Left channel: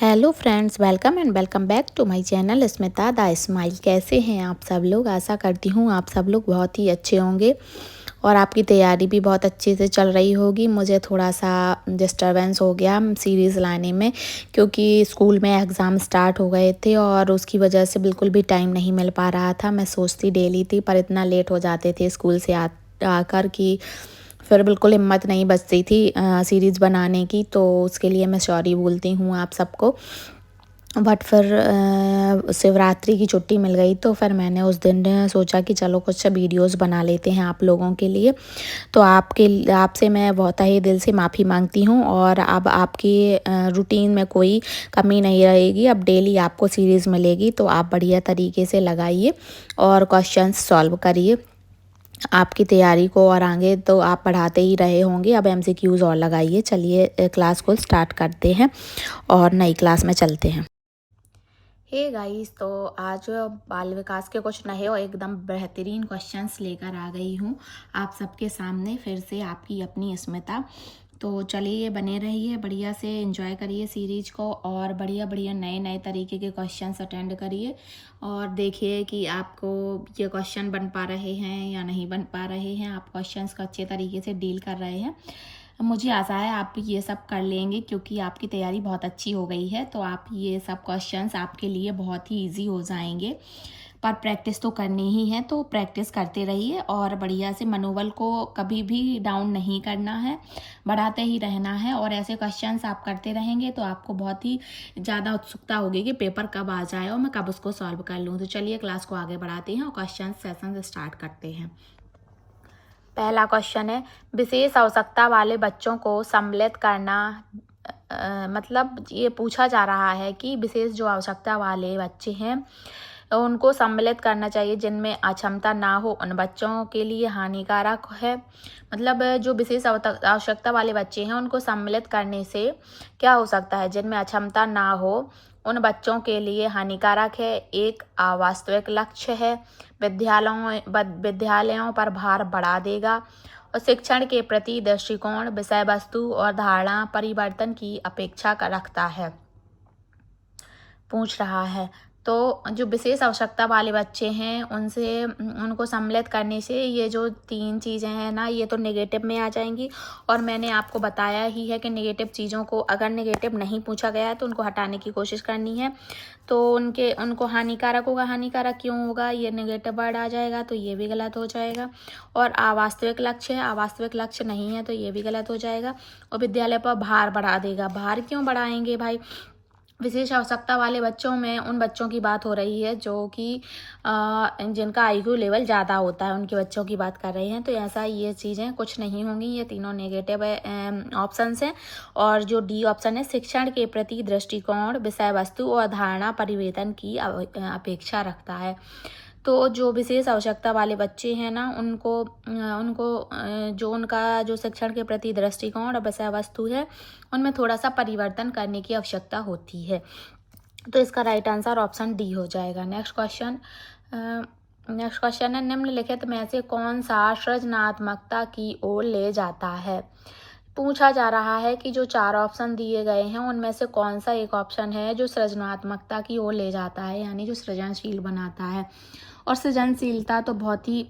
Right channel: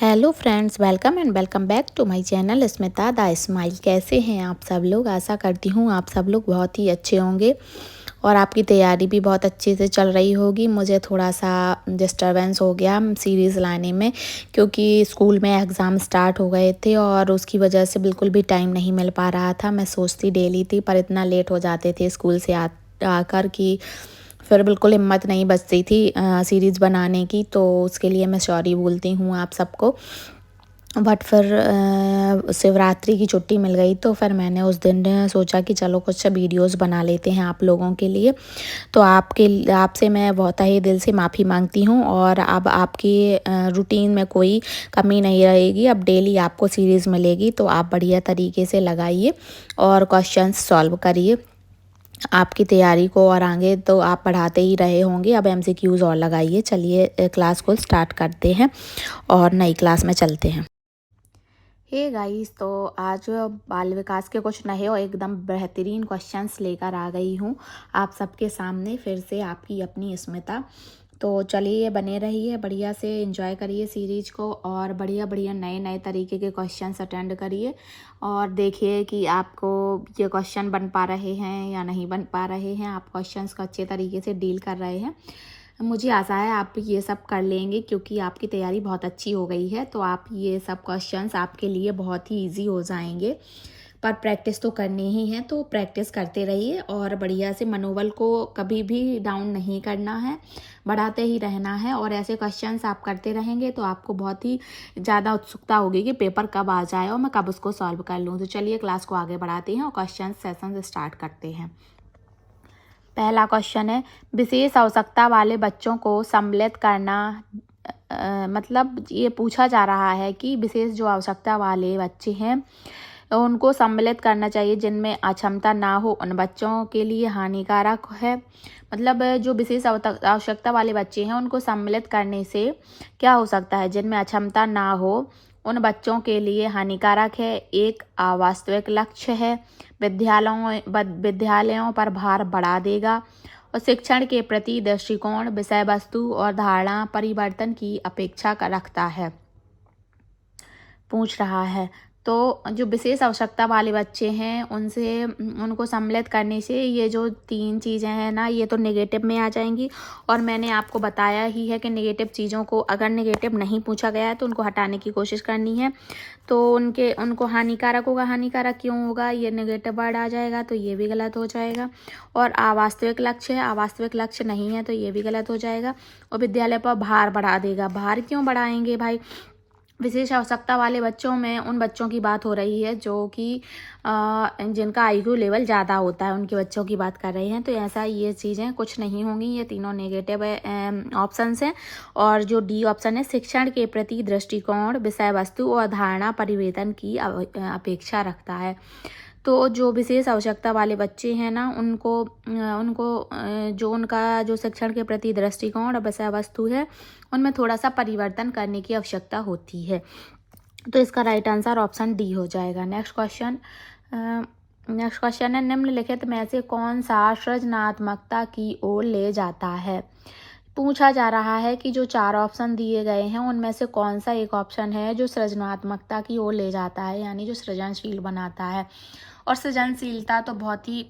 Hello friends, welcome and welcome back to my channel Smita the smile. कैसे हैं आप सब लोग? आशा करती हूँ आप सब लोग बहुत ही अच्छे होंगे और आपकी तैयारी भी बहुत अच्छे से चल रही होगी। मुझे थोड़ा सा डिस्टरबेंस हो गया सीरीज़ लाने में, क्योंकि स्कूल में एग्ज़ाम स्टार्ट हो गए थे और उसकी वजह से बिल्कुल भी टाइम नहीं मिल पा रहा था। मैं सोचती डेली थी, पर इतना लेट हो जाते थे स्कूल से आकर कि फिर बिल्कुल हिम्मत नहीं बचती थी सीरीज़ बनाने की। तो उसके लिए मैं सॉरी बोलती हूँ आप सबको। बट फिर शिवरात्रि की छुट्टी मिल गई, तो फिर मैंने उस दिन सोचा कि चलो कुछ वीडियोस बना लेते हैं आप लोगों के लिए। तो आपसे मैं बहुत ही दिल से माफ़ी मांगती हूँ और अब आपकी रूटीन में कोई कमी नहीं रहेगी। अब डेली आपको सीरीज़ मिलेगी, तो आप बढ़िया तरीके से लगाइए और क्वेश्चंस सॉल्व करिए। आपकी तैयारी को और आगे तो आप बढ़ाते ही रहे होंगे। अब एमसीक्यूज़ और लगाइए। चलिए क्लास को स्टार्ट करते हैं और नई क्लास में चलते हैं। हे गाइस, तो आज बाल विकास के कुछ नए और एकदम बेहतरीन क्वेश्चंस लेकर आ गई हूँ आप सबके सामने। फिर से आपकी अपनी स्मिता। तो चलिए बने रहिए, बढ़िया से एंजॉय करिए सीरीज को और बढ़िया बढ़िया नए नए तरीके के क्वेश्चंस अटेंड करिए और देखिए कि आपको ये क्वेश्चन बन पा रहे हैं या नहीं बन पा रहे हैं। आप क्वेश्चंस को अच्छे तरीके से डील कर रहे हैं। मुझे आशा है आप ये सब कर लेंगे, क्योंकि आपकी तैयारी बहुत अच्छी हो गई है। तो आप ये सब क्वेश्चंस आपके लिए बहुत ही इजी हो जाएंगे। पर प्रैक्टिस तो करनी ही है, तो प्रैक्टिस करते रहिए और बढ़िया से मनोबल को कभी भी डाउन नहीं करना है, बढ़ाते ही रहना है। और ऐसे क्वेश्चंस आप करते रहेंगे तो आपको बहुत ही ज़्यादा उत्सुकता होगी कि पेपर कब आ जाए और मैं कब उसको सॉल्व कर लूँ। तो चलिए क्लास को आगे बढ़ाते हैं और क्वेश्चन सेशन स्टार्ट करते हैं। पहला क्वेश्चन है, विशेष आवश्यकता वाले बच्चों को सम्मिलित करना। मतलब ये पूछा जा रहा है कि विशेष जो आवश्यकता वाले बच्चे हैं तो उनको सम्मिलित करना चाहिए जिनमें अक्षमता ना हो, उन बच्चों के लिए हानिकारक है। मतलब जो विशेष आवश्यकता वाले बच्चे हैं उनको सम्मिलित करने से क्या हो सकता है? जिनमें अक्षमता ना हो उन बच्चों के लिए हानिकारक है, एक अवास्तविक लक्ष्य है, विद्यालयों पर भार बढ़ा देगा और शिक्षण के प्रति दृष्टिकोण, विषय वस्तु और धारणा परिवर्तन की अपेक्षा रखता है। पूछ रहा है तो जो विशेष आवश्यकता वाले बच्चे हैं उनको सम्मिलित करने से ये जो तीन चीज़ें हैं ना, ये तो नेगेटिव में आ जाएंगी। और मैंने आपको बताया ही है कि नेगेटिव चीज़ों को अगर नेगेटिव नहीं पूछा गया है तो उनको हटाने की कोशिश करनी है। तो उनको हानिकारक होगा। हानिकारक क्यों होगा? ये नेगेटिव वर्ड आ जाएगा तो ये भी गलत हो जाएगा। और अवास्तविक लक्ष्य है, अवास्तविक लक्ष्य नहीं है तो ये भी गलत हो जाएगा। और विद्यालय पर भार बढ़ा देगा। भार क्यों बढ़ाएंगे भाई? विशेष आवश्यकता वाले बच्चों में उन बच्चों की बात हो रही है जो कि जिनका आईक्यू लेवल ज़्यादा होता है, उनके बच्चों की बात कर रहे हैं। तो ऐसा ये चीज़ें कुछ नहीं होंगी, ये तीनों नेगेटिव ऑप्शंस हैं। और जो डी ऑप्शन है, शिक्षण के प्रति दृष्टिकोण, विषय वस्तु और धारणा परिवर्तन की अपेक्षा रखता है। तो जो विशेष आवश्यकता वाले बच्चे हैं ना, जो उनका जो शिक्षण के प्रति दृष्टिकोण और विषय वस्तु है उनमें थोड़ा सा परिवर्तन करने की आवश्यकता होती है। तो इसका राइट आंसर ऑप्शन डी हो जाएगा। नेक्स्ट क्वेश्चन है, निम्नलिखित में से कौन सा सृजनात्मकता की ओर ले जाता है? पूछा जा रहा है कि जो चार ऑप्शन दिए गए हैं उनमें से कौन सा एक ऑप्शन है जो सृजनात्मकता की ओर ले जाता है, यानी जो सृजनशील बनाता है। और सृजनशीलता तो बहुत ही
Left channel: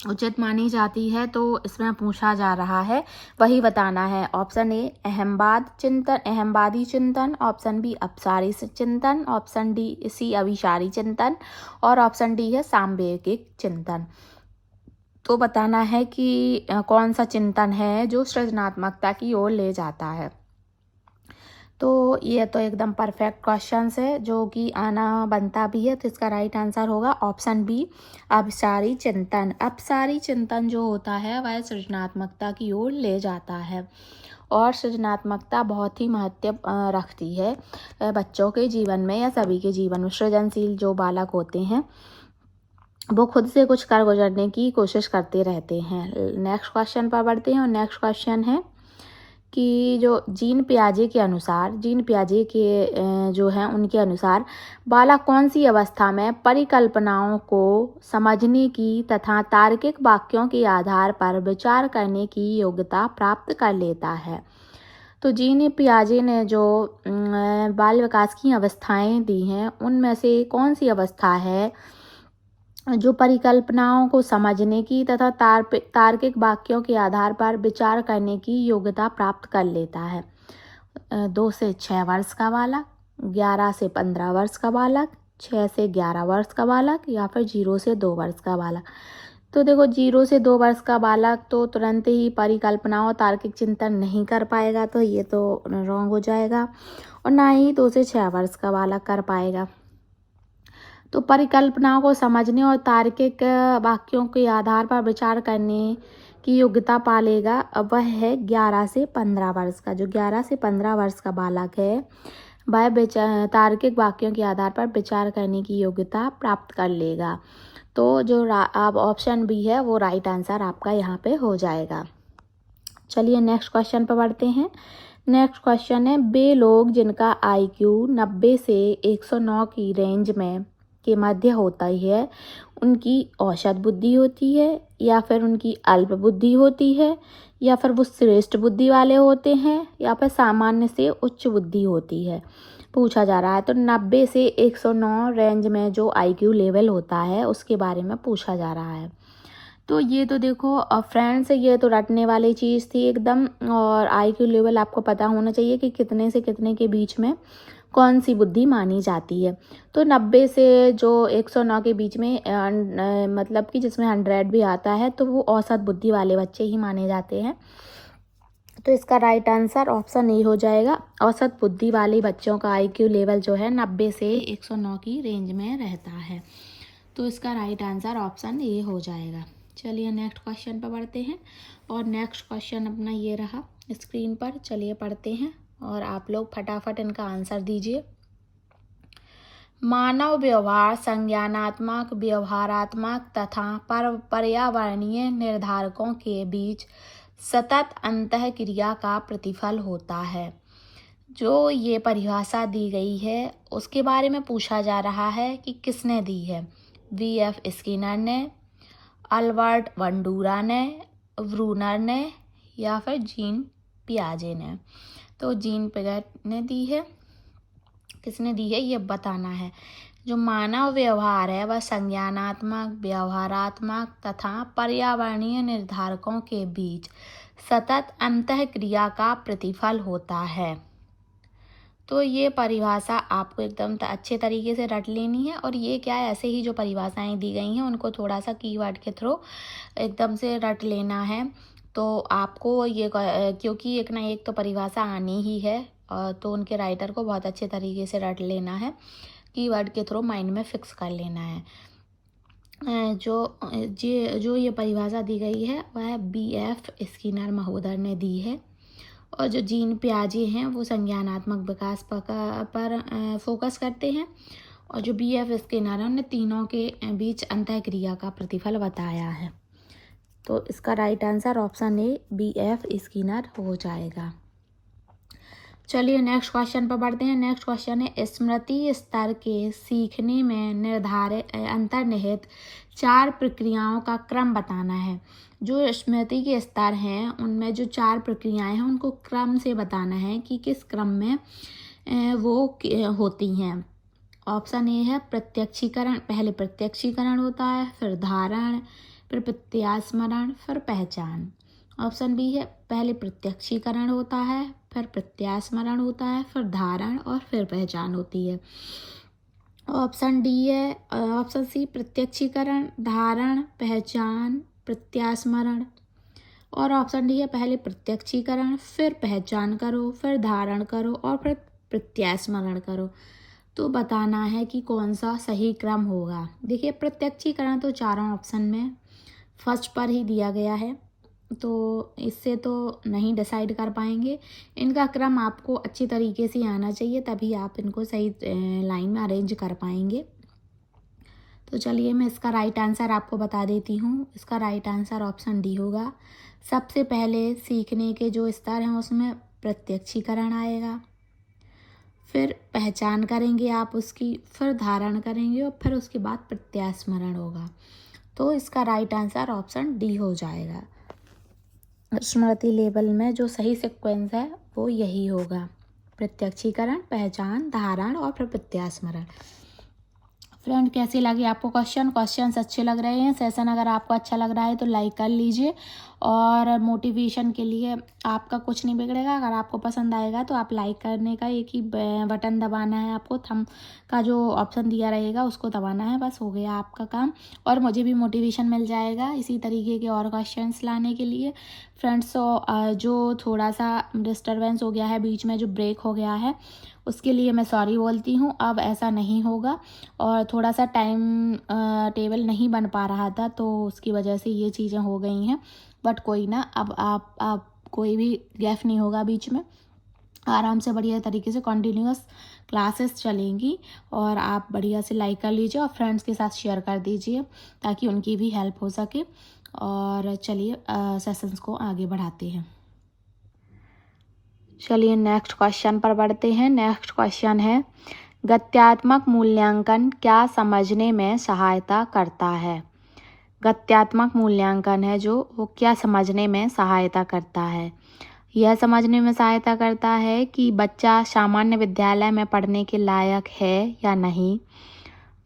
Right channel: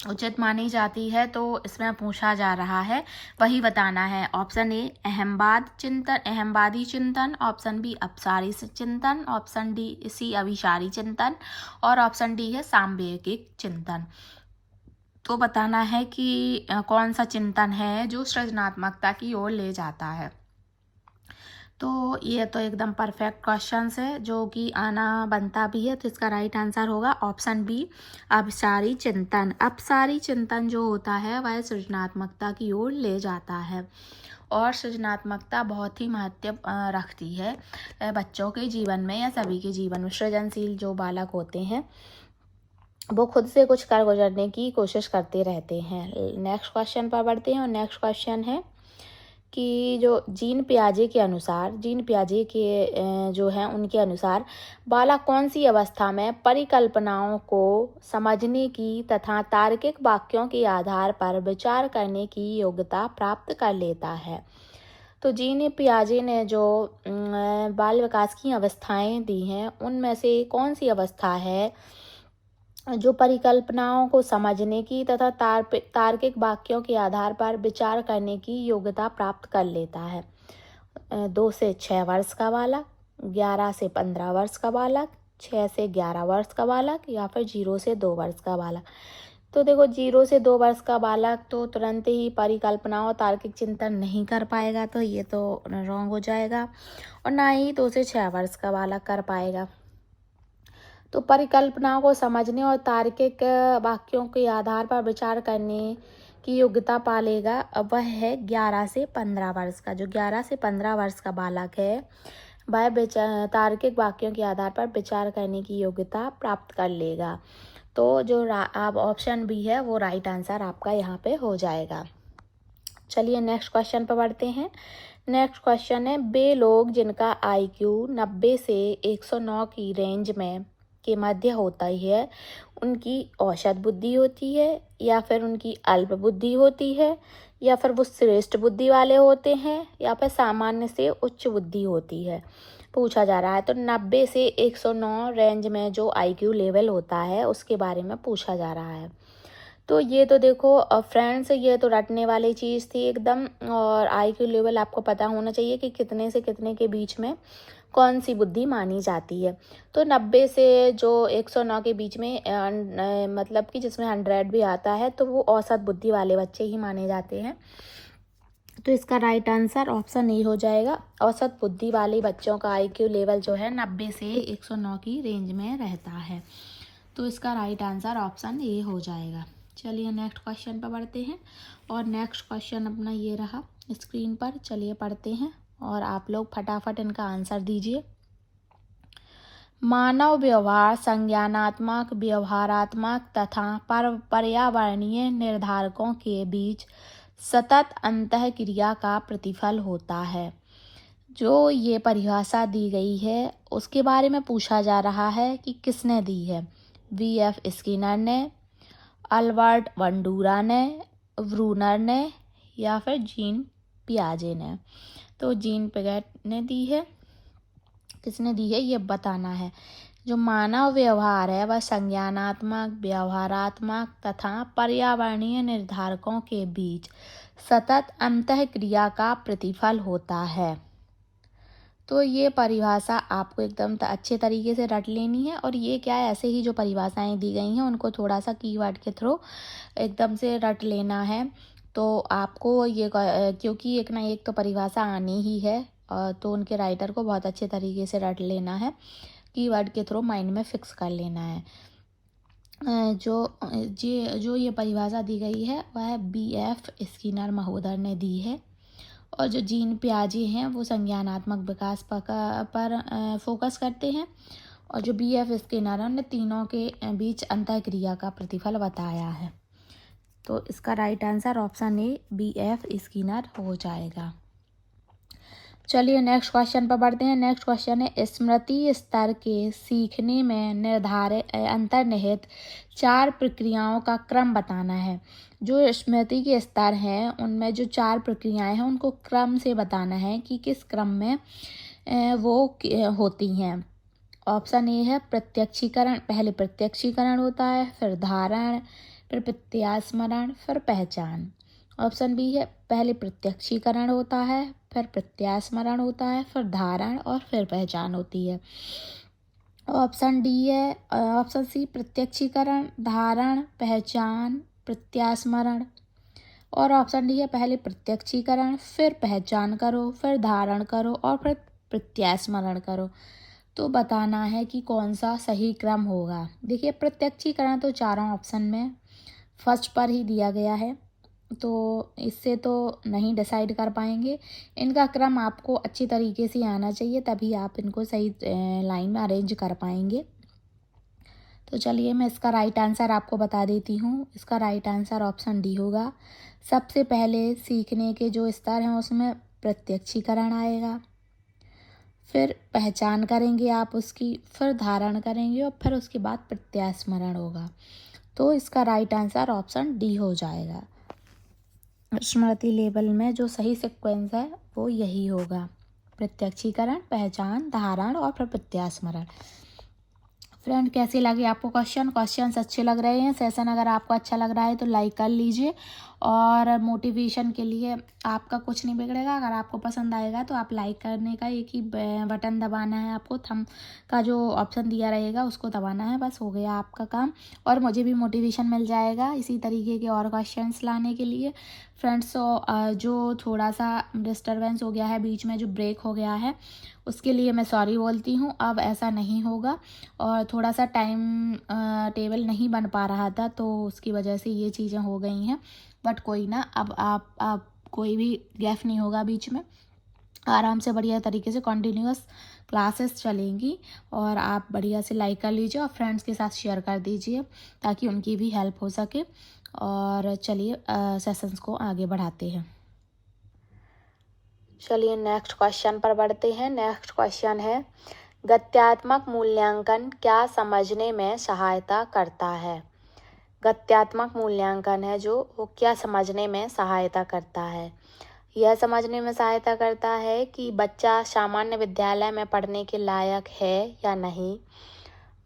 उचित मानी जाती है, तो इसमें पूछा जा रहा है वही बताना है। ऑप्शन ए अहमवादी चिंतन, ऑप्शन बी अपसारी चिंतन, ऑप्शन सी अभिसारी चिंतन और ऑप्शन डी है सामवेगिक चिंतन। तो बताना है कि कौन सा चिंतन है जो सृजनात्मकता की ओर ले जाता है। तो ये तो एकदम परफेक्ट क्वेश्चंस है जो कि आना बनता भी है। तो इसका राइट आंसर होगा ऑप्शन बी, अपसारी चिंतन। अपसारी चिंतन जो होता है वह सृजनात्मकता की ओर ले जाता है और सृजनात्मकता बहुत ही महत्व रखती है बच्चों के जीवन में या सभी के जीवन में। सृजनशील जो बालक होते हैं वो खुद से कुछ कर गुजरने की कोशिश करते रहते हैं। नेक्स्ट क्वेश्चन पर बढ़ते हैं और नेक्स्ट क्वेश्चन है कि जो जीन पियाजे के जो हैं उनके अनुसार बालक कौन सी अवस्था में परिकल्पनाओं को समझने की तथा तार्किक वाक्यों के आधार पर विचार करने की योग्यता प्राप्त कर लेता है? तो जीन पियाजे ने जो बाल विकास की अवस्थाएं दी हैं, उनमें से कौन सी अवस्था है जो परिकल्पनाओं को समझने की तथा तार्किक वाक्यों के आधार पर विचार करने की योग्यता प्राप्त कर लेता है? 2 से 6 वर्ष का बालक, 11 से 15 वर्ष का बालक, 6 से 11 वर्ष का बालक, या फिर 0 से 2 वर्ष का बालक। तो देखो 0 से 2 वर्ष का बालक तो तुरंत ही परिकल्पनाओं तार्किक चिंतन नहीं कर पाएगा, तो ये तो रॉन्ग हो जाएगा। और ना ही 2 से 6 वर्ष का बालक कर पाएगा। तो परिकल्पनाओं को समझने और तार्किक वाक्यों के आधार पर विचार करने की योग्यता पालेगा, अब वह है 11 से 15 वर्ष का। जो 11 से 15 वर्ष का बालक है वह तार्किक वाक्यों के आधार पर विचार करने की योग्यता प्राप्त कर लेगा। तो जो अब ऑप्शन बी है वो राइट आंसर आपका यहाँ पे हो जाएगा। चलिए नेक्स्ट क्वेश्चन पर बढ़ते हैं। नेक्स्ट क्वेश्चन है, वे लोग जिनका IQ 90 से 109 की रेंज में के मध्य होता है, उनकी औसत बुद्धि होती है, या फिर उनकी अल्प बुद्धि होती है, या फिर वो श्रेष्ठ बुद्धि वाले होते हैं, या फिर सामान्य से उच्च बुद्धि होती है, पूछा जा रहा है। तो 90 से 109 रेंज में जो IQ लेवल होता है उसके बारे में पूछा जा रहा है। तो ये तो देखो फ्रेंड्स, ये तो रटने वाली चीज़ थी एकदम। और IQ लेवल आपको पता होना चाहिए कि कितने से कितने के बीच में कौन सी बुद्धि मानी जाती है। तो 90 से जो 109 के बीच में मतलब कि जिसमें 100 भी आता है, तो वो औसत बुद्धि वाले बच्चे ही माने जाते हैं। तो इसका राइट आंसर ऑप्शन ए हो जाएगा। औसत बुद्धि वाले बच्चों का IQ लेवल जो है 90 से 109 की रेंज में रहता है। तो इसका राइट आंसर ऑप्शन ए हो जाएगा। चलिए नेक्स्ट क्वेश्चन पर बढ़ते हैं। और नेक्स्ट क्वेश्चन अपना ये रहा स्क्रीन पर। चलिए पढ़ते हैं और आप लोग फटाफट इनका आंसर दीजिए। मानव व्यवहार संज्ञानात्मक, व्यवहारात्मक तथा पर्यावरणीय निर्धारकों के बीच सतत अंतःक्रिया का प्रतिफल होता है। जो ये परिभाषा दी गई है उसके बारे में पूछा जा रहा है कि किसने दी है। VF स्किनर ने, अल्बर्ट बंडूरा ने, ब्रूनर ने, या फिर जीन पियाजे ने। तो जीन पियाजे ने दी है। किसने दी है ये बताना है। जो मानव व्यवहार है वह संज्ञानात्मक, व्यवहारात्मक तथा पर्यावरणीय निर्धारकों के बीच सतत अंतःक्रिया का प्रतिफल होता है। तो ये परिभाषा आपको एकदम अच्छे तरीके से रट लेनी है। और ये क्या है, ऐसे ही जो परिभाषाएं दी गई हैं उनको थोड़ा सा कीवर्ड के थ्रू एकदम से रट लेना है। तो आपको ये क्योंकि एक ना एक तो परिभाषा आनी ही है, तो उनके राइटर को बहुत अच्छे तरीके से रट लेना है, कीवर्ड के थ्रू माइंड में फिक्स कर लेना है। जो ये परिभाषा दी गई है वह BF स्किनर महोदय ने दी है। और जो जीन पियाजे हैं वो संज्ञानात्मक विकास पर फोकस करते हैं। और जो BF स्किनर है उन्होंने तीनों के बीच अंतःक्रिया का प्रतिफल बताया है। तो इसका right answer option A BF Skinner हो जाएगा। चलिए नेक्स्ट क्वेश्चन पर बढ़ते हैं। नेक्स्ट क्वेश्चन है, स्मृति स्तर के सीखने में निर्धारित अंतर्निहित 4 प्रक्रियाओं का क्रम बताना है। जो स्मृति के स्तर हैं उनमें जो 4 प्रक्रियाएं हैं उनको क्रम से बताना है कि किस क्रम में वो होती हैं। ऑप्शन ए है प्रत्यक्षीकरण। पहले प्रत्यक्षीकरण होता है, फिर धारण, फिर प्रत्यास्मरण, फिर पहचान। ऑप्शन बी है पहले प्रत्यक्षीकरण होता है, फिर प्रत्यास्मरण होता है, फिर धारण और फिर पहचान होती है। ऑप्शन डी है ऑप्शन सी प्रत्यक्षीकरण, धारण, पहचान, प्रत्यास्मरण। और ऑप्शन डी है पहले प्रत्यक्षीकरण, फिर पहचान करो, फिर धारण करो और फिर प्रत्यास्मरण करो। तो बताना है कि कौन सा सही क्रम होगा। देखिए प्रत्यक्षीकरण तो चारों ऑप्शन में फर्स्ट पर ही दिया गया है, तो इससे तो नहीं डिसाइड कर पाएंगे। इनका क्रम आपको अच्छी तरीके से आना चाहिए, तभी आप इनको सही लाइन में अरेंज कर पाएंगे। तो चलिए मैं इसका राइट आंसर आपको बता देती हूँ। इसका राइट आंसर ऑप्शन डी होगा। सबसे पहले सीखने के जो स्तर हैं उसमें प्रत्यक्षीकरण आएगा, फिर पहचान करेंगे आप उसकी, फिर धारण करेंगे और फिर उसके बाद प्रत्यास्मरण होगा। तो इसका राइट आंसर ऑप्शन डी हो जाएगा। स्मृति लेवल में जो सही सीक्वेंस है वो यही होगा। प्रत्यक्षीकरण, पहचान, धारण और फिर प्रत्यास्मरण। फ्रेंड, कैसे लगे आपको क्वेश्चंस अच्छे लग रहे हैं? सेशन अगर आपको अच्छा लग रहा है तो लाइक कर लीजिए, और मोटिवेशन के लिए आपका कुछ नहीं बिगड़ेगा। अगर आपको पसंद आएगा तो आप लाइक करने का एक ही बटन दबाना है, आपको थंब का जो ऑप्शन दिया रहेगा उसको दबाना है, बस हो गया आपका काम। और मुझे भी मोटिवेशन मिल जाएगा इसी तरीके के और क्वेश्चंस लाने के लिए। फ्रेंड्स, जो थोड़ा सा डिस्टर्बेंस हो गया है, बीच में जो ब्रेक हो गया है, उसके लिए मैं सॉरी बोलती हूँ। अब ऐसा नहीं होगा। और थोड़ा सा टाइम टेबल नहीं बन पा रहा था, तो उसकी वजह से ये चीज़ें हो गई हैं। बट कोई ना, अब आप कोई भी गैप नहीं होगा बीच में, आराम से बढ़िया तरीके से कंटिन्यूअस क्लासेस चलेंगी। और आप बढ़िया से लाइक कर लीजिए और फ्रेंड्स के साथ शेयर कर दीजिए ताकि उनकी भी हेल्प हो सके। और चलिए सेशंस को आगे बढ़ाते हैं। चलिए नेक्स्ट क्वेश्चन पर बढ़ते हैं। नेक्स्ट क्वेश्चन है, गत्यात्मक मूल्यांकन क्या समझने में सहायता करता है? गत्यात्मक मूल्यांकन है जो, वो क्या समझने में सहायता करता है? यह समझने में सहायता करता है कि बच्चा सामान्य विद्यालय में पढ़ने के लायक है या नहीं,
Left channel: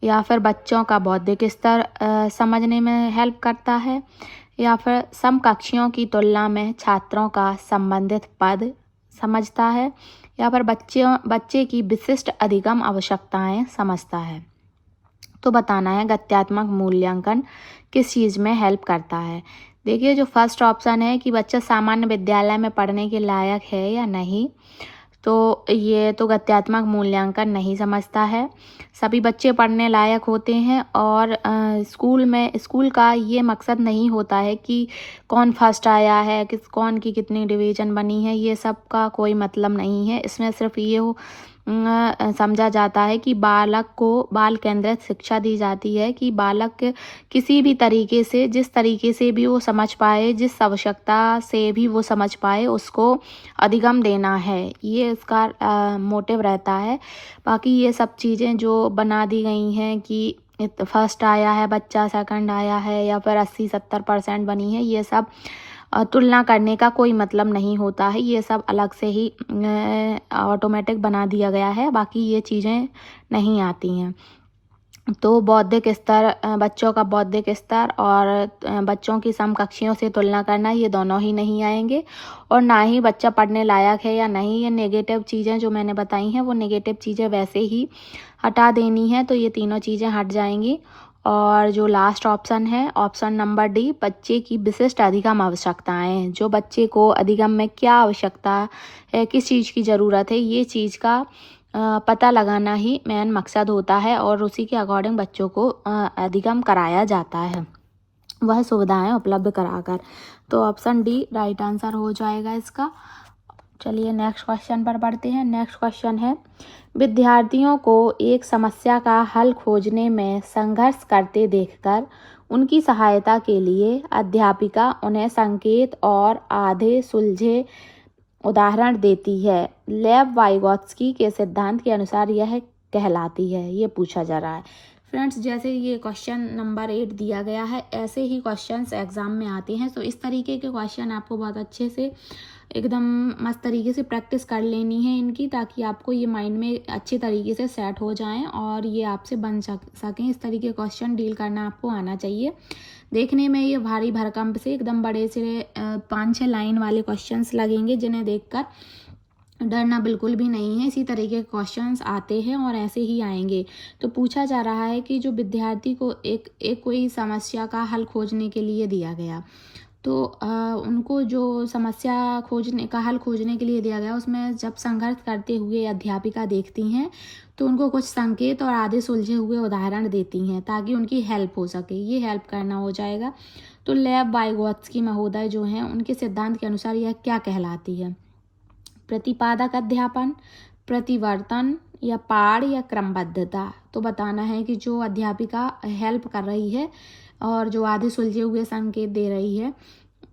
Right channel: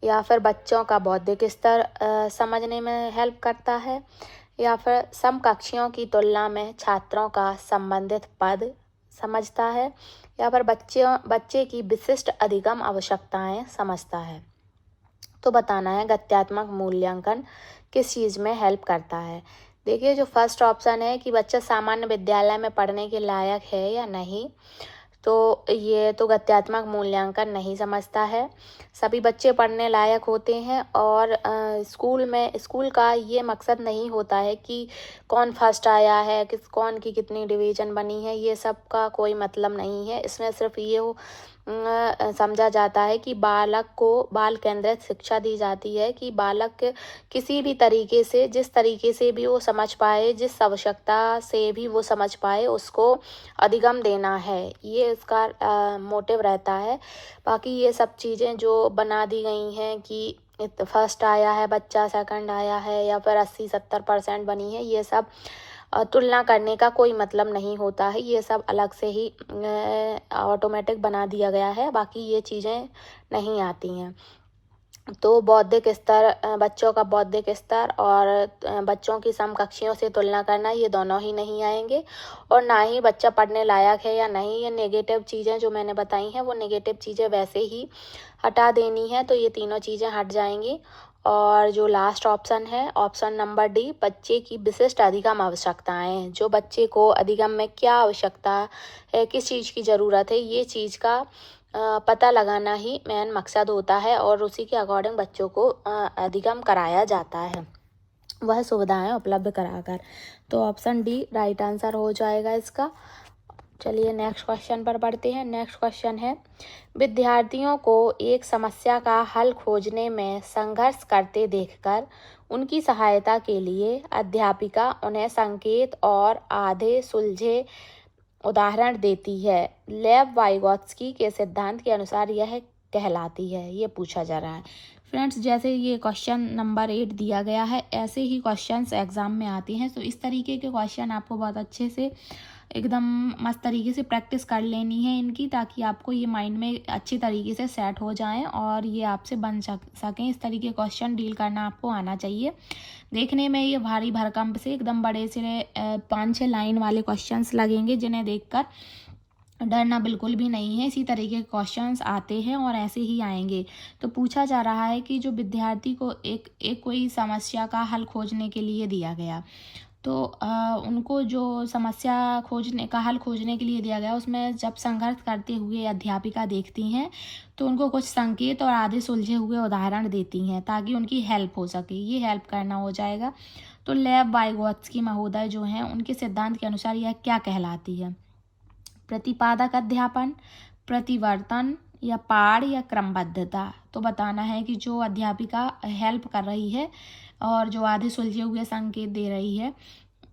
या फिर बच्चों का बौद्धिक स्तर समझने में हेल्प करता है, या फिर समकक्षियों की तुलना में छात्रों का संबंधित पद समझता है, या फिर बच्चे की विशिष्ट अधिगम आवश्यकताएं समझता है। तो बताना है गत्यात्मक मूल्यांकन किस चीज़ में हेल्प करता है। देखिए, जो फर्स्ट ऑप्शन है कि बच्चा सामान्य विद्यालय में पढ़ने के लायक है या नहीं, तो ये तो गत्यात्मक मूल्यांकन नहीं समझता है। सभी बच्चे पढ़ने लायक होते हैं, और स्कूल का ये मकसद नहीं होता है कि कौन फर्स्ट आया है, कौन की कितनी डिवीज़न बनी है, ये सब का कोई मतलब नहीं है। इसमें सिर्फ ये समझा जाता है कि बालक को बाल केंद्रित शिक्षा दी जाती है, कि बालक किसी भी तरीके से, जिस तरीके से भी वो समझ पाए, जिस आवश्यकता से भी वो समझ पाए, उसको अधिगम देना है, ये इसका मोटिव रहता है। बाकी ये सब चीज़ें जो बना दी गई हैं कि फर्स्ट आया है बच्चा, सेकंड आया है, या फिर 80-70% बनी है, ये सब तुलना करने का कोई मतलब नहीं होता है। ये सब अलग से ही ऑटोमेटिक बना दिया गया है, बाकी ये चीज़ें नहीं आती हैं। तो बौद्धिक स्तर, बच्चों का बौद्धिक स्तर और बच्चों की समकक्षियों से तुलना करना, ये दोनों ही नहीं आएंगे। और ना ही बच्चा पढ़ने लायक है या नहीं, ये नेगेटिव चीज़ें जो मैंने बताई हैं, वो नेगेटिव चीज़ें वैसे ही हटा देनी है, तो ये तीनों चीज़ें हट जाएंगी। और जो लास्ट ऑप्शन है, ऑप्शन नंबर डी, बच्चे की विशिष्ट अधिगम आवश्यकताएं, जो बच्चे को अधिगम में क्या आवश्यकता है, किस चीज़ की ज़रूरत है, ये चीज़ का पता लगाना ही मेन मकसद होता है, और उसी के अकॉर्डिंग बच्चों को अधिगम कराया जाता है, वह सुविधाएं उपलब्ध कराकर। तो ऑप्शन डी राइट आंसर हो जाएगा इसका। चलिए नेक्स्ट क्वेश्चन पर बढ़ते हैं। नेक्स्ट क्वेश्चन है, विद्यार्थियों को एक समस्या का हल खोजने में संघर्ष करते देखकर उनकी सहायता के लिए अध्यापिका उन्हें संकेत और आधे सुलझे उदाहरण देती है। लेव वाइगोत्स्की के सिद्धांत के अनुसार यह कहलाती है। ये पूछा जा रहा है। फ्रेंड्स, जैसे ये क्वेश्चन नंबर 8 दिया गया है, ऐसे ही क्वेश्चंस एग्जाम में आते हैं। तो इस तरीके के क्वेश्चन आपको बहुत अच्छे से, एकदम मस्त तरीके से प्रैक्टिस कर लेनी है इनकी, ताकि आपको ये माइंड में अच्छे तरीके से सेट हो जाएं और ये आपसे बन सकें। इस तरीके क्वेश्चन डील करना आपको आना चाहिए। देखने में ये भारी भरकम से एकदम बड़े से 5-6 लाइन वाले क्वेश्चंस लगेंगे, जिन्हें देखकर डरना बिल्कुल भी नहीं है। इसी तरीके के क्वेश्चंस आते हैं और ऐसे ही आएंगे। तो पूछा जा रहा है कि जो विद्यार्थी को एक कोई समस्या का हल खोजने के लिए दिया गया, तो उनको जो समस्या का हल खोजने के लिए दिया गया, उसमें जब संघर्ष करते हुए अध्यापिका देखती हैं, तो उनको कुछ संकेत और आधे सुलझे हुए उदाहरण देती हैं ताकि उनकी हेल्प हो सके। ये हेल्प करना हो जाएगा। तो लेव वाइगोत्स्की महोदय जो हैं, उनके सिद्धांत के अनुसार यह क्या कहलाती है? प्रतिपादक अध्यापन, प्रतिवर्तन, या पाठ, या क्रमबद्धता। तो बताना है कि जो अध्यापिका हेल्प कर रही है और जो आधे सुलझे हुए संकेत दे रही है,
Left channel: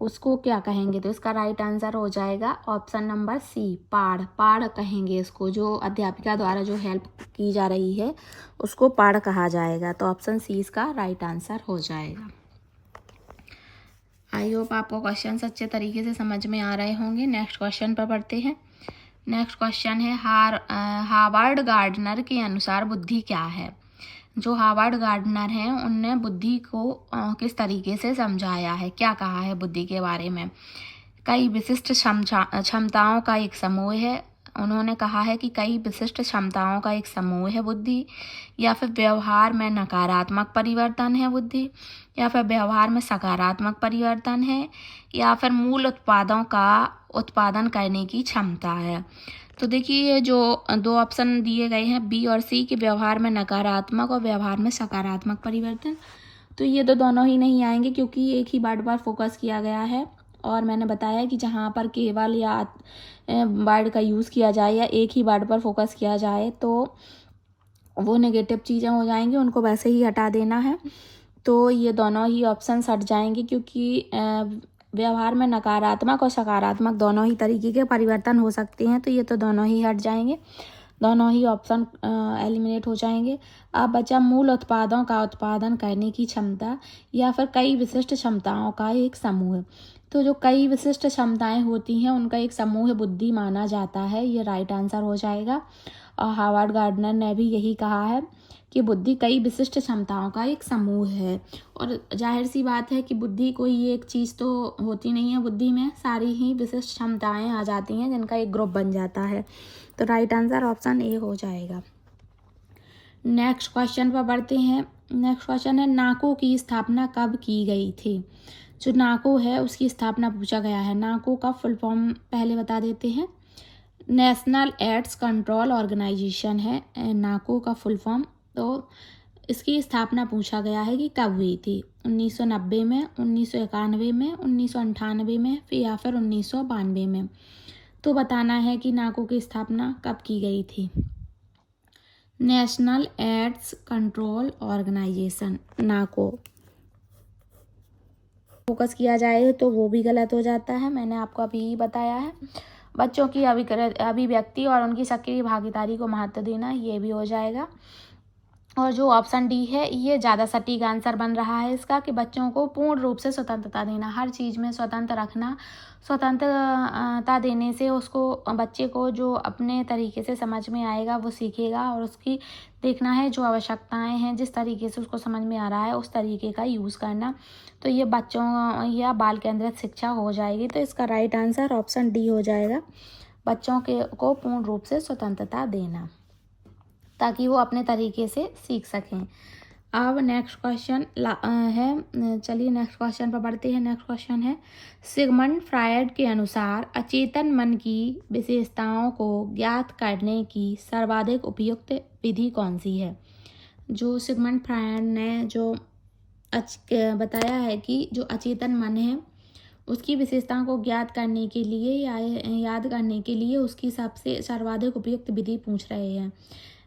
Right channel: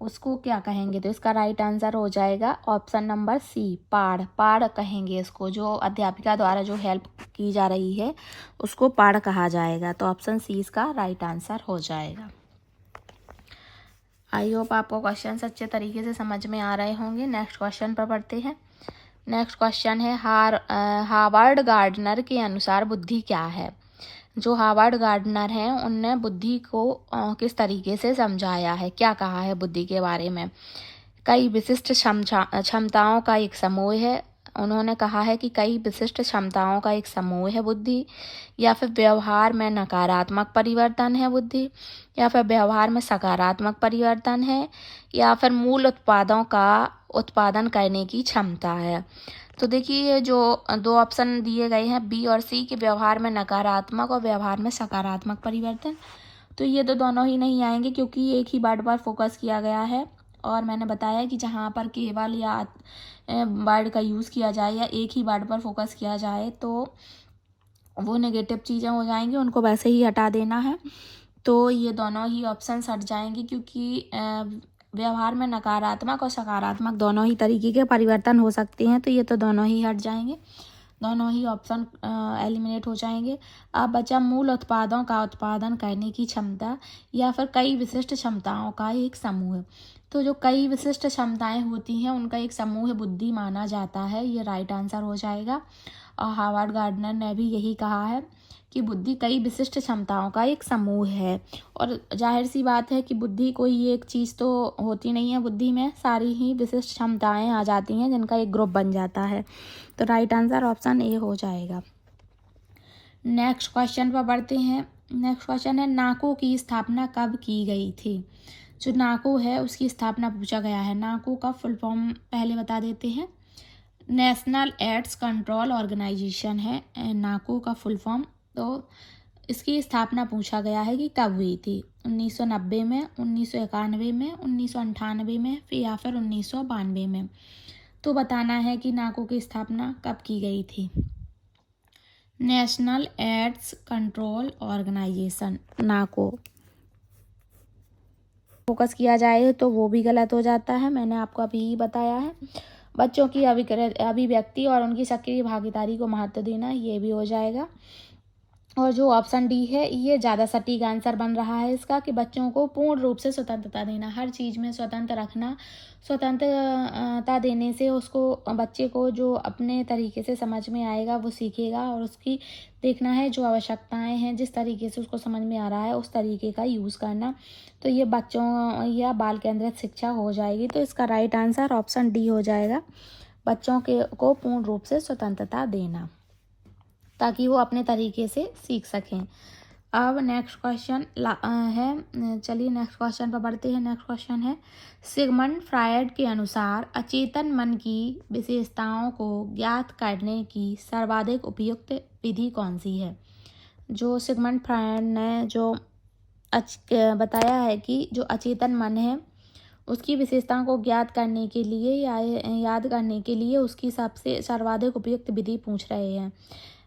उसको क्या कहेंगे? तो इसका राइट आंसर हो जाएगा ऑप्शन नंबर सी, पाठ कहेंगे इसको। जो अध्यापिका द्वारा जो हेल्प की जा रही है, उसको पाठ कहा जाएगा। तो ऑप्शन सी इसका राइट आंसर हो जाएगा। आई होप आपको क्वेश्चन अच्छे तरीके से समझ में आ रहे होंगे। नेक्स्ट क्वेश्चन पर बढ़ते हैं। नेक्स्ट क्वेश्चन है हावर्ड गार्डनर के अनुसार बुद्धि क्या है। जो हावर्ड गार्डनर हैं उनने बुद्धि को किस तरीके से समझाया है, क्या कहा है बुद्धि के बारे में। कई विशिष्ट क्षमताओं का एक समूह है। उन्होंने कहा है कि कई विशिष्ट क्षमताओं का एक समूह है बुद्धि, या फिर व्यवहार में नकारात्मक परिवर्तन है बुद्धि, या फिर व्यवहार में सकारात्मक परिवर्तन है, या फिर मूल उत्पादों का उत्पादन करने की क्षमता है। तो देखिए ये जो दो ऑप्शन दिए गए हैं बी और सी के, व्यवहार में नकारात्मक और व्यवहार में सकारात्मक परिवर्तन, तो ये तो दोनों ही नहीं आएंगे क्योंकि एक ही वर्ड पर फोकस किया गया है। और मैंने बताया कि जहाँ पर केवल या वर्ड का यूज़ किया जाए या एक ही वर्ड पर फोकस किया जाए तो वो नेगेटिव चीज़ें हो जाएंगी, उनको वैसे ही हटा देना है। तो ये दोनों ही ऑप्शन हट जाएंगे क्योंकि व्यवहार में नकारात्मक और सकारात्मक दोनों ही तरीके के परिवर्तन हो सकते हैं, तो ये तो दोनों ही हट जाएंगे, दोनों ही ऑप्शन एलिमिनेट हो जाएंगे। अब बचा मूल उत्पादों का उत्पादन करने की क्षमता या फिर कई विशिष्ट क्षमताओं का एक समूह। तो जो कई विशिष्ट क्षमताएं होती हैं उनका एक समूह बुद्धि माना जाता है, ये राइट आंसर हो जाएगा। और हावर्ड गार्डनर ने भी यही कहा है कि बुद्धि कई विशिष्ट क्षमताओं का एक समूह है। और जाहिर सी बात है कि बुद्धि कोई एक चीज़ तो होती नहीं है, बुद्धि में सारी ही विशिष्ट क्षमताएं आ जाती हैं जिनका एक ग्रुप बन जाता है। तो राइट आंसर ऑप्शन ए हो जाएगा। नेक्स्ट क्वेश्चन पर बढ़ते हैं। नेक्स्ट क्वेश्चन है नाको की स्थापना कब की गई थी। जो नाको है उसकी स्थापना पूछा गया है। नाको का फुल फॉर्म पहले बता देते हैं। नेशनल एड्स कंट्रोल ऑर्गेनाइजेशन है नाको का फुल फॉर्म। तो इसकी स्थापना पूछा गया है कि कब हुई थी, 1990 में, 1991 में, 1998 में या फिर 1992 में। तो बताना है कि नाको की स्थापना कब की गई थी। नेशनल एड्स कंट्रोल ऑर्गेनाइजेशन नाको फोकस किया जाए तो वो भी गलत हो जाता है, मैंने आपको अभी बताया है। बच्चों की अभिव्यक्ति और उनकी सक्रिय भागीदारी को महत्व देना, ये भी हो जाएगा। और जो ऑप्शन डी है ये ज़्यादा सटीक आंसर बन रहा है इसका, कि बच्चों को पूर्ण रूप से स्वतंत्रता देना, हर चीज़ में स्वतंत्र रखना। स्वतंत्रता देने से उसको बच्चे को जो अपने तरीके से समझ में आएगा वो सीखेगा, और उसकी देखना है जो आवश्यकताएं हैं जिस तरीके से उसको समझ में आ रहा है उस तरीके का यूज़ करना। तो ये बच्चों या बाल केंद्रित शिक्षा हो जाएगी। तो इसका राइट आंसर ऑप्शन डी हो जाएगा, बच्चों को पूर्ण रूप से स्वतंत्रता देना ताकि वो अपने तरीके से सीख सकें। अब नेक्स्ट क्वेश्चन है, चलिए नेक्स्ट क्वेश्चन पर बढ़ते हैं। नेक्स्ट क्वेश्चन है सिगमंड फ्रायड के अनुसार अचेतन मन की विशेषताओं को ज्ञात करने की सर्वाधिक उपयुक्त विधि कौन सी है। जो सिगमंड फ्रायड ने जो बताया है कि जो अचेतन मन है उसकी विशेषताओं को ज्ञात करने के लिए या याद करने के लिए उसकी सबसे सर्वाधिक उपयुक्त विधि पूछ रहे हैं।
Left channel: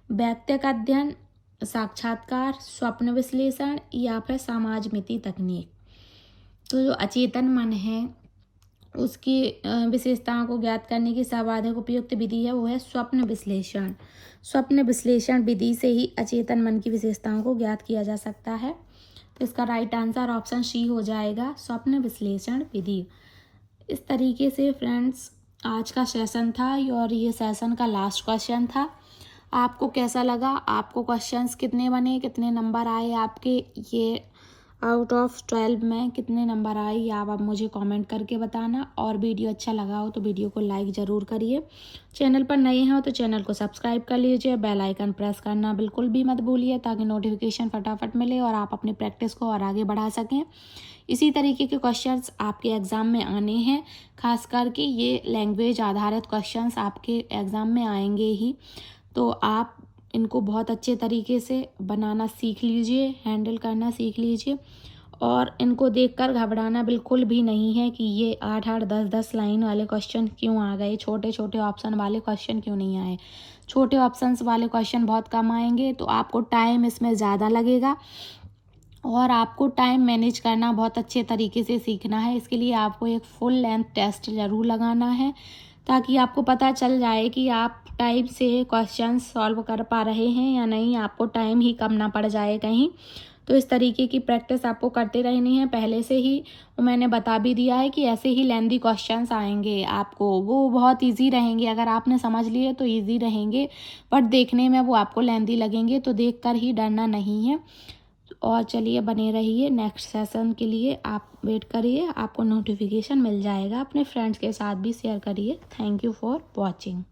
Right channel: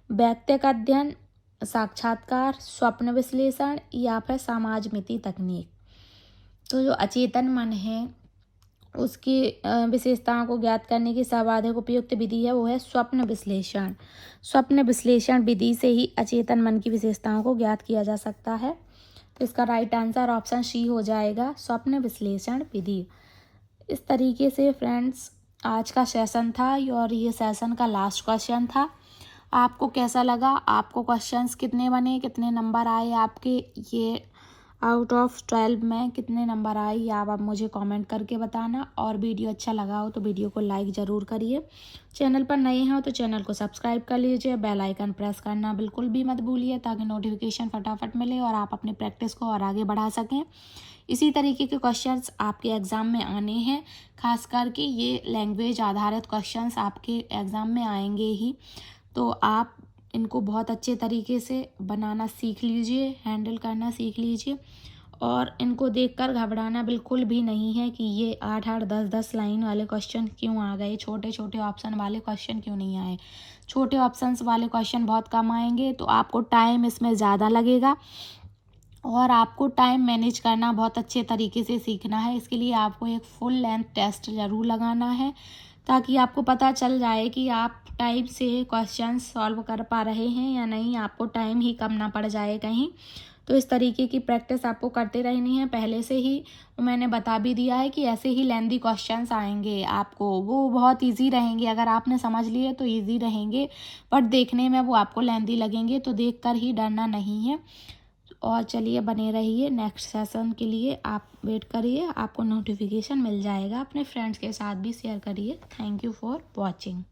व्यक्तिगत अध्ययन, साक्षात्कार, स्वप्न विश्लेषण या फिर समाजमिति तकनीक। तो जो अचेतन मन है उसकी विशेषताओं को ज्ञात करने की सर्वाधिक उपयुक्त विधि है वो है स्वप्न विश्लेषण। स्वप्न विश्लेषण विधि से ही अचेतन मन की विशेषताओं को ज्ञात किया जा सकता है। तो इसका राइट आंसर ऑप्शन सी हो जाएगा, स्वप्न विश्लेषण विधि। इस तरीके से फ्रेंड्स आज का सेशन था और ये सेशन का लास्ट क्वेश्चन था। आपको कैसा लगा, आपको क्वेश्चंस कितने बने, कितने नंबर आए आपके, ये आउट ऑफ 12 में कितने नंबर आए ये आप मुझे कमेंट करके बताना। और वीडियो अच्छा लगा हो तो वीडियो को लाइक ज़रूर करिए। चैनल पर नए हैं तो चैनल को सब्सक्राइब कर लीजिए, बेल आइकन प्रेस करना बिल्कुल भी मत भूलिए ताकि नोटिफिकेशन फटाफट मिले और आप अपनी प्रैक्टिस को और आगे बढ़ा सकें। इसी तरीके के क्वेश्चंस आपके एग्ज़ाम में आने हैं, खास करके ये लैंग्वेज आधारित क्वेश्चंस आपके एग्ज़ाम में आएंगे ही। तो आप इनको बहुत अच्छे तरीके से बनाना सीख लीजिए, हैंडल करना सीख लीजिए। और इनको देखकर घबराना बिल्कुल भी नहीं है कि ये 8-8, 10-10 लाइन वाले क्वेश्चन क्यों आ गए, छोटे छोटे ऑप्शन वाले क्वेश्चन क्यों नहीं आए। छोटे ऑप्शंस वाले क्वेश्चन बहुत कम आएंगे तो आपको टाइम इसमें ज़्यादा लगेगा और आपको टाइम मैनेज करना बहुत अच्छे तरीके से सीखना है। इसके लिए आपको एक फुल लेंथ टेस्ट ज़रूर लगाना है ताकि आपको पता चल जाए कि आप टाइम से क्वेश्चन सॉल्व कर पा रहे हैं या नहीं, आपको टाइम ही कम ना पड़ जाए कहीं। तो इस तरीके की प्रैक्टिस आपको करते रहनी है। पहले से ही मैंने बता भी दिया है कि ऐसे ही लेंथी क्वेश्चंस आएंगे आपको, वो बहुत इजी रहेंगे। अगर आपने समझ लिए तो इजी रहेंगे, बट देखने में वो आपको लेंथी लगेंगे, तो देखकर ही डरना नहीं है। और चलिए बने रहिए, नेक्स्ट सेशन के लिए आप वेट करिए, आपको नोटिफिकेशन मिल जाएगा। अपने फ्रेंड्स के साथ भी शेयर करिए। Thank you for watching.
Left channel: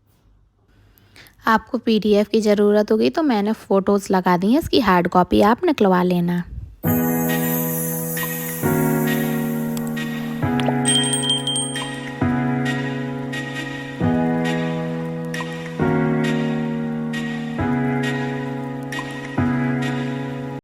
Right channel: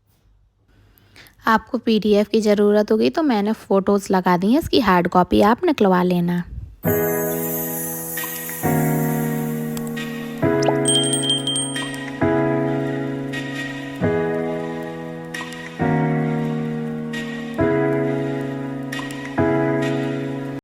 आपको PDF की ज़रूरत होगी तो मैंने फ़ोटोज़ लगा दी हैं, इसकी हार्ड कॉपी आप निकलवा लेना।